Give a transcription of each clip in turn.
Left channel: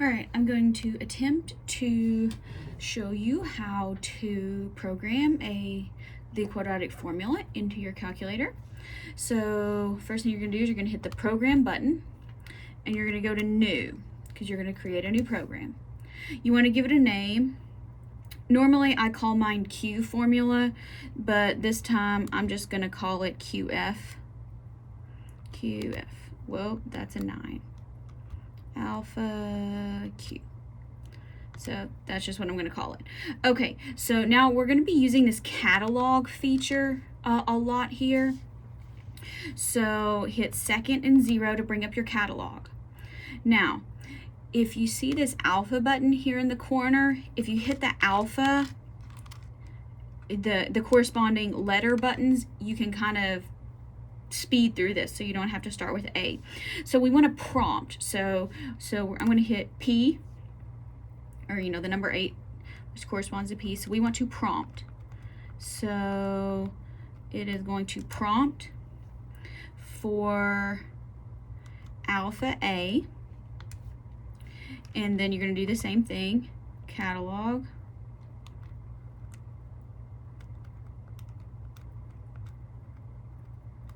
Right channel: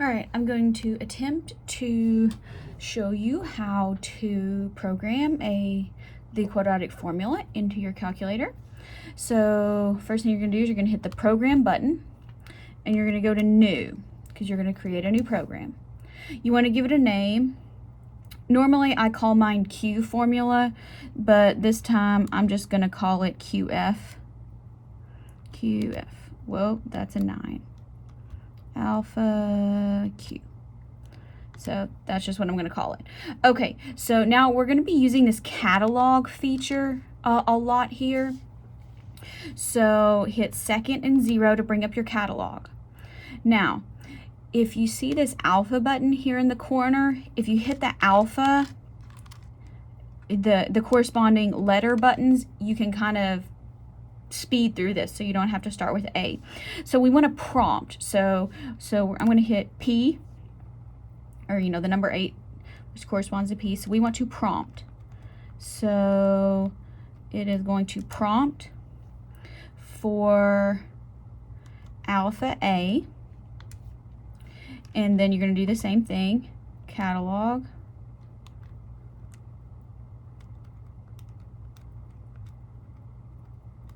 All right, I'm going to attempt to show you how to program the quadratic formula into your calculator. So first thing you're going to do is you're going to hit the program button and you're going to go to new because you're going to create a new program. You want to give it a name. Normally I call mine Q formula, but this time I'm just going to call it QF. QF. Whoa, that's a 9. Alpha Q. So that's just what I'm going to call it. Okay, so now we're going to be using this catalog feature a lot here. So hit second and 0 to bring up your catalog. Now, if you see this alpha button here in the corner, if you hit the alpha, the corresponding letter buttons, you can kind of speed through this so you don't have to start with A. So we want to prompt. So I'm going to hit P, or the number 8, which corresponds to P. So we want to prompt. So it is going to prompt for alpha A, and then you're going to do the same thing, catalog,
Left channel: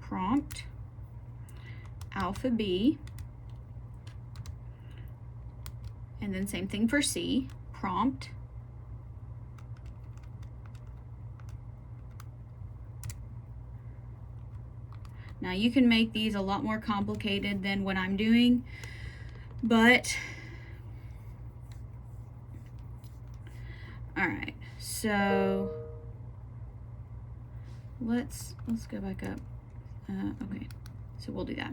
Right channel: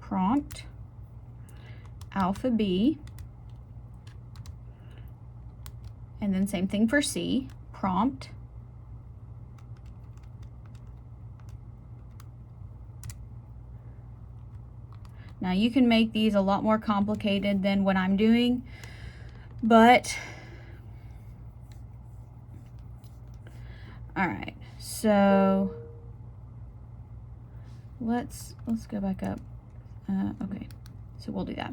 prompt, alpha B, and then same thing for C, prompt, now you can make these a lot more complicated than what I'm doing, but alright, so let's go back up. Okay, so we'll do that.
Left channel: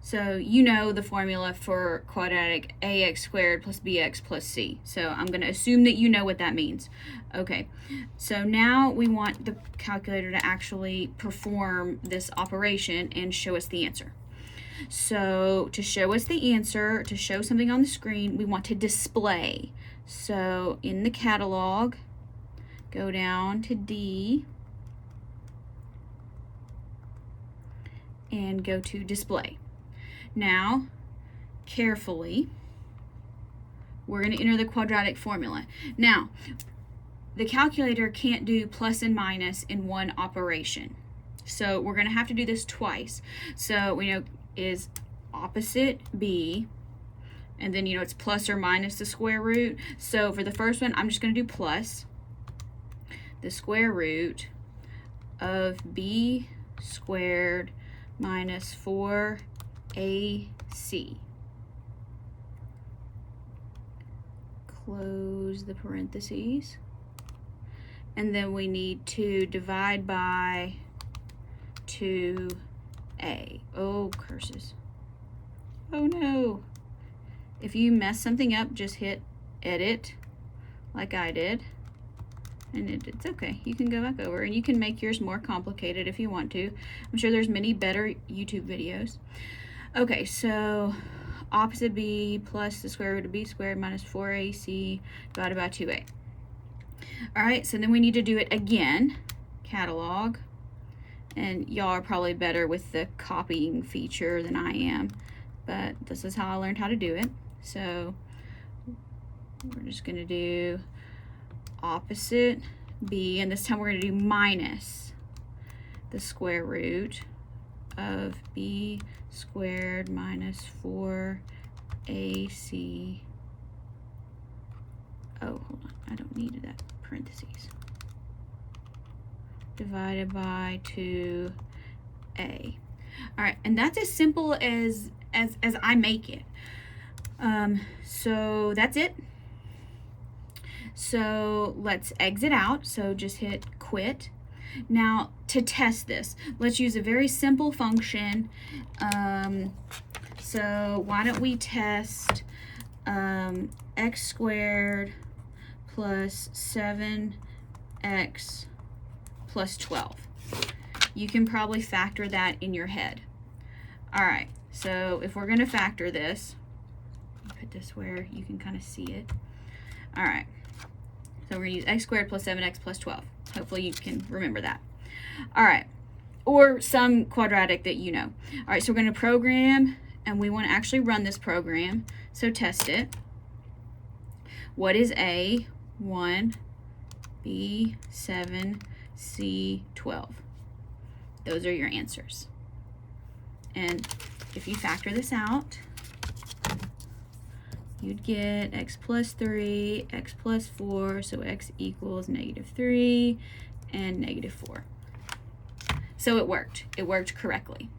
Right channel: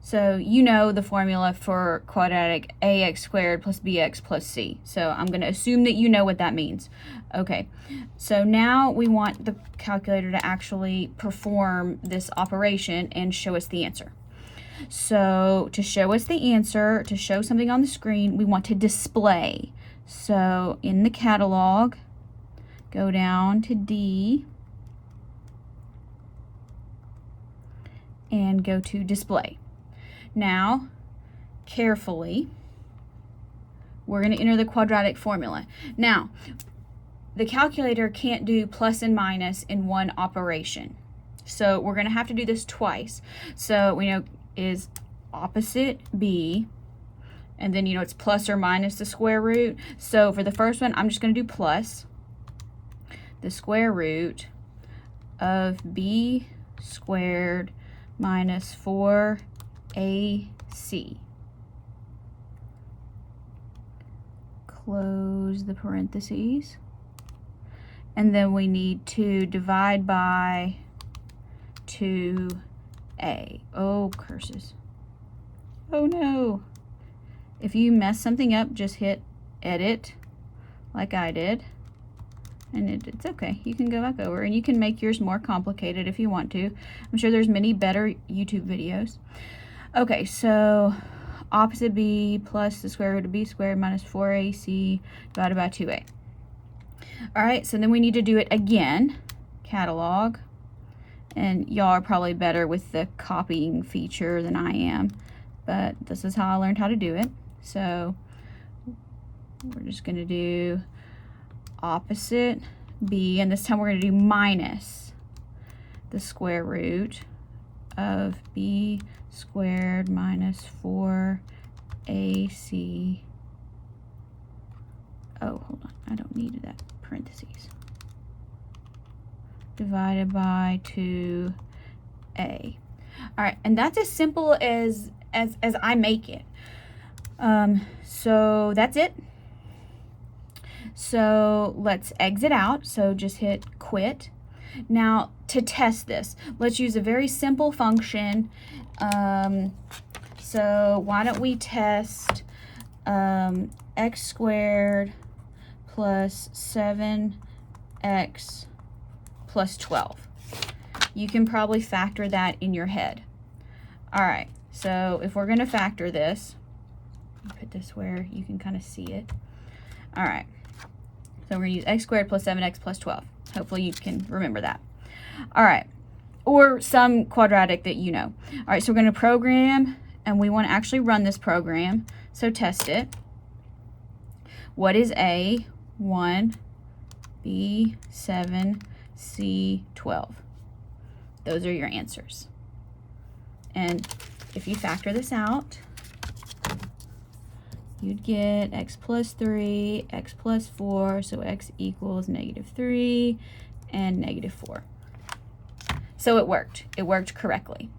So you know the formula for quadratic ax squared plus bx plus c. So I'm going to assume that you know what that means. Okay, so now we want the calculator to actually perform this operation and show us the answer. So to show us the answer, to show something on the screen, we want to display. So in the catalog, go down to D and go to display. Now, carefully, we're going to enter the quadratic formula. Now, the calculator can't do plus and minus in one operation. So we're going to have to do this twice. So we know is opposite B, and then it's plus or minus the square root. So for the first one, I'm just going to do plus the square root of b squared minus 4ac. Close the parentheses. And then we need to divide by 2a. Oh, curses. Oh no. If you mess something up, just hit edit like I did. And it's okay. You can go back over and you can make yours more complicated if you want to. I'm sure there's many better YouTube videos. Okay, so opposite b plus the square root of b squared minus 4ac divided by 2a. Alright, so then we need to do it again. Catalog. And y'all are probably better with the copying feature than I am. But this is how I learned how to do it. So we're just going to do opposite b, and this time we're going to do minus the square root of b squared minus 4ac. Oh, hold on, I don't need that parentheses. Divided by 2a. Alright, and that's as simple as I make it. So that's it. So let's exit out. So just hit quit. Now to test this, let's use a very simple function. So why don't we test x squared plus 7x plus 12. You can probably factor that in your head. Alright, so if we're going to factor this, put this where you can kind of see it. Alright. So we're going to use x squared plus 7x plus 12. Hopefully you can remember that. All right, or some quadratic that you know. All right, so we're going to program, and we want to actually run this program, so test it. What is A? 1, B, 7, C, 12. Those are your answers. And if you factor this out, you'd get x plus 3, x plus 4, so x equals -3 and -4. So it worked. It worked correctly.